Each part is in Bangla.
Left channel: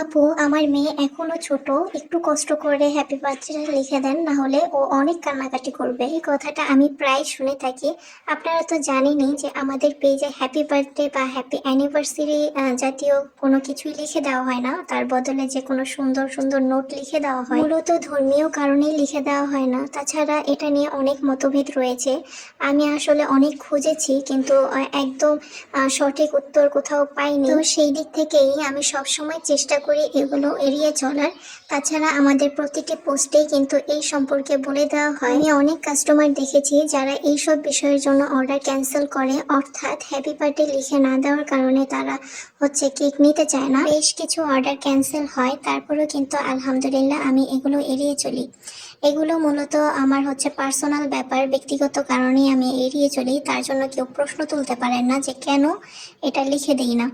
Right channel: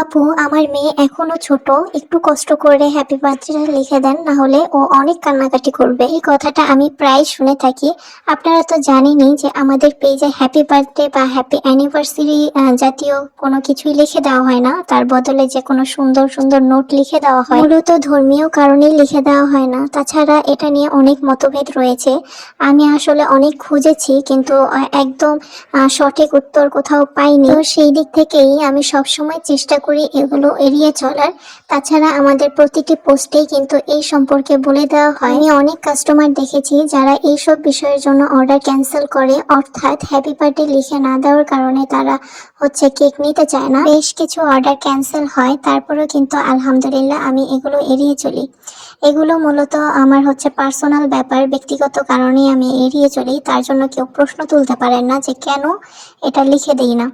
আপু, আমার মেয়ে এখনো ছোট। একটু কষ্ট করে হ্যাপি বার্থডে লিখে দেন, না হলে ও অনেক কান্নাকাটি করবে। এই কথাটা আমি প্রায় শুনে থাকি। আপনারা তো জানেনই যে আমাদের পেজে হ্যাপি বার্থডে বা হ্যাপি অ্যানিভার্সারি জাতীয় কোনো কিছুই লিখে দেওয়া হয় না। তার বদলে যে কোনো সুন্দর সুন্দর নোট লিখে দেওয়া হয়, মূলত ধর্মীয় কারণেই লিখে দেওয়া হয় না। তাছাড়া এটা নিয়ে অনেক মতভেদ রয়েছে। আমি আসলে অনেক খুঁজেছি, কিন্তু একদম সঠিক উত্তর কোথাও পাইনি। তো সেই দিক থেকেই আমি সবসময় চেষ্টা করি এগুলো এড়িয়ে চলার। তাছাড়া আমাদের প্রতিটি পোস্টেই কিন্তু এই সম্পর্কে বলে দেওয়া হয়। আমি অনেক কাস্টমার দেখেছি যারা এইসব বিষয়ের জন্য অর্ডার ক্যান্সেল করে, অর্থাৎ হ্যাপি বার্থডে লিখে না দেওয়ার কারণে তারা কেক নিতে চায় না। বেশ কিছু অর্ডার ক্যান্সেল হয়, তারপরেও কিন্তু আলহামদুলিল্লাহ আমি এগুলো এড়িয়ে চলি। এগুলো মূলত আমার পার্সোনাল ব্যাপার, ব্যক্তিগত কারণে আমি এড়িয়ে চলি। তার জন্য কেউ প্রশ্ন তুলতে পারেন না যে কেন এটা লিখে দেই না।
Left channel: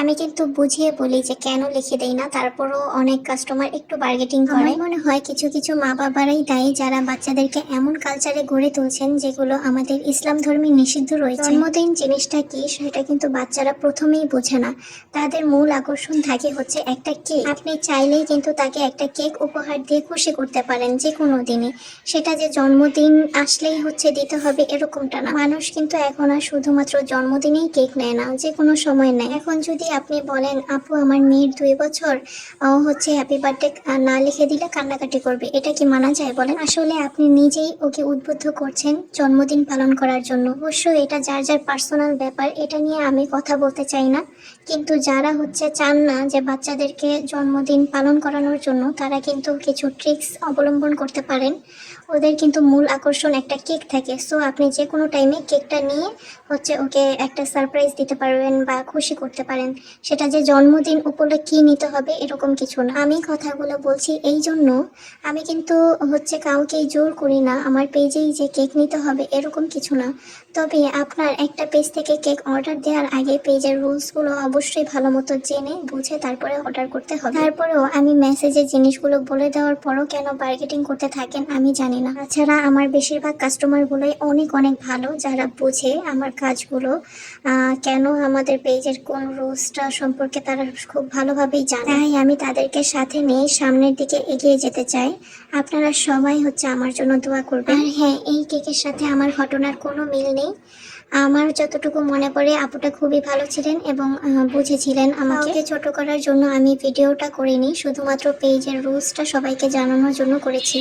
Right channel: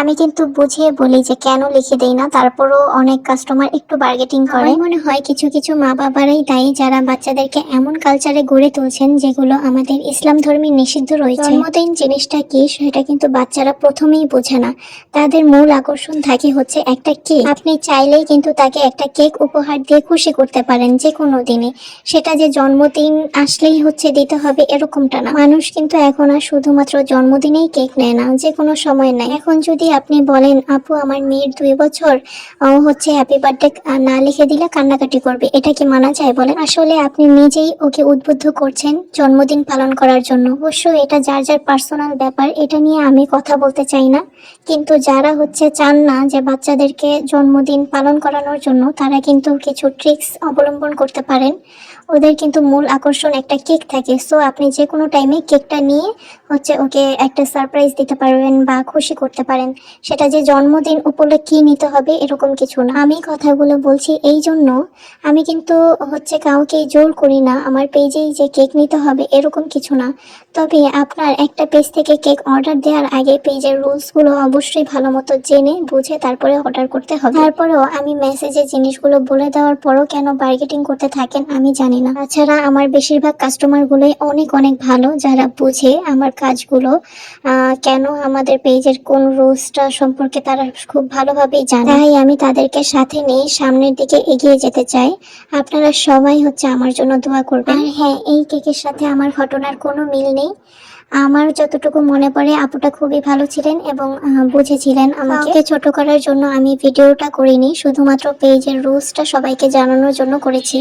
আমি কিন্তু বুঝিয়ে বলি যে কেন লিখে দেই না, তারপরও অনেক কাস্টমার একটু বার্গেটিং করে। আমার মনে হয় কিছু কিছু মা বাবারাই দায়ী, যারা বাচ্চাদেরকে এমন কালচারে গড়ে তুলছেন যেগুলো আমাদের ইসলাম ধর্মে নিষিদ্ধ রয়েছে। জন্মদিন জিনিসটা কি সেটা কিন্তু বাচ্চারা প্রথমেই বোঝে না। তাদের মূল আকর্ষণ থাকে একটা কেক। আপনি চাইলেই কিন্তু তাকে একটা কেক উপহার দিয়ে খুশি করতে পারেন যে কোনো দিনে। সেটা যে জন্মদিন আসলেই দিতে হবে এরকমটা না। মানুষ কিন্তু এখন আর শুধুমাত্র জন্মদিনেই কেক নেয় না, যে কোনো সময় নেয়। এখন যদি আপনি বলেন আপু আমার মেয়ের 2 বছর, হ্যাপি বার্থডে না লিখে দিলে কান্নাকাটি করবে, এটা কি মানা যায় বলেন? আসলে আপনি নিজেই ওকে উদ্বুদ্ধ করছেন জন্মদিন পালন করার জন্য। অবশ্যই এটা যার যার পার্সোনাল ব্যাপার, এটা নিয়ে আমি কথা বলতে চাই না। কিন্তু যারা চান না যে বাচ্চাদেরকে জন্মদিন পালন করানোর জন্য, তারা কিন্তু কিছু ট্রিক্স অবলম্বন করতে পারেন। ওদের কিন্তু মূল আকর্ষণ একটা কেক থাকে। সো আপনি যে কোনো টাইমে কেকটা নিয়ে ওকে একটা সারপ্রাইজ দিতে পারবেন বা খুশি করতে পারেন। সেটা যে জন্মদিন উপলক্ষে নিতে হবে এরকম কিছু না। আমি কথাগুলো বলছি এই জন্য, আমি কিন্তু কাউকে জোর করি না আমার পেজেই যে কেক নিতে হবে এরকম কিছু না। তবে আপনার একটা পেজ থেকে কেক অর্ডার দেওয়ার আগে পেজের রুলসগুলো অবশ্যই ভালো মতো জেনে বুঝে তারপরে অর্ডার করতে হবে। তারপরেও আমি মেসেজে জিনিসগুলো বলে দেওয়ার পরও কেন বার্গেটিং করতে থাকেন আমি জানি না। তাছাড়া আমার বেশিরভাগ কাস্টমারগুলোই অনেক অনেক ভালো, যারা বুঝে আমার কাজগুলো। কেন আমাদের পেজের কোন রুলসটা সম্পর্কে তারা খুব ভালোভাবেই জানে, তাই আমি তাদেরকে সাথে নিয়ে সামনের দিকে এগিয়ে যেতে চাই। আপনারা সবাই আমার জন্য দোয়া করবেন। আর হ্যাঁ, এই কেকের সাথে আমার ঘটনার কোনো মিল নেই। আমার যতটুকু মনে পড়ে আপুটা খুবই ভালো ছিলেন এবং বুঝেছিলেন আমাকে। ছোট করার জন্য আমি ভিডিওটা করিনি, শুধুমাত্র পেজের রুলসটা সবাইকে জানানোর জন্য করেছি।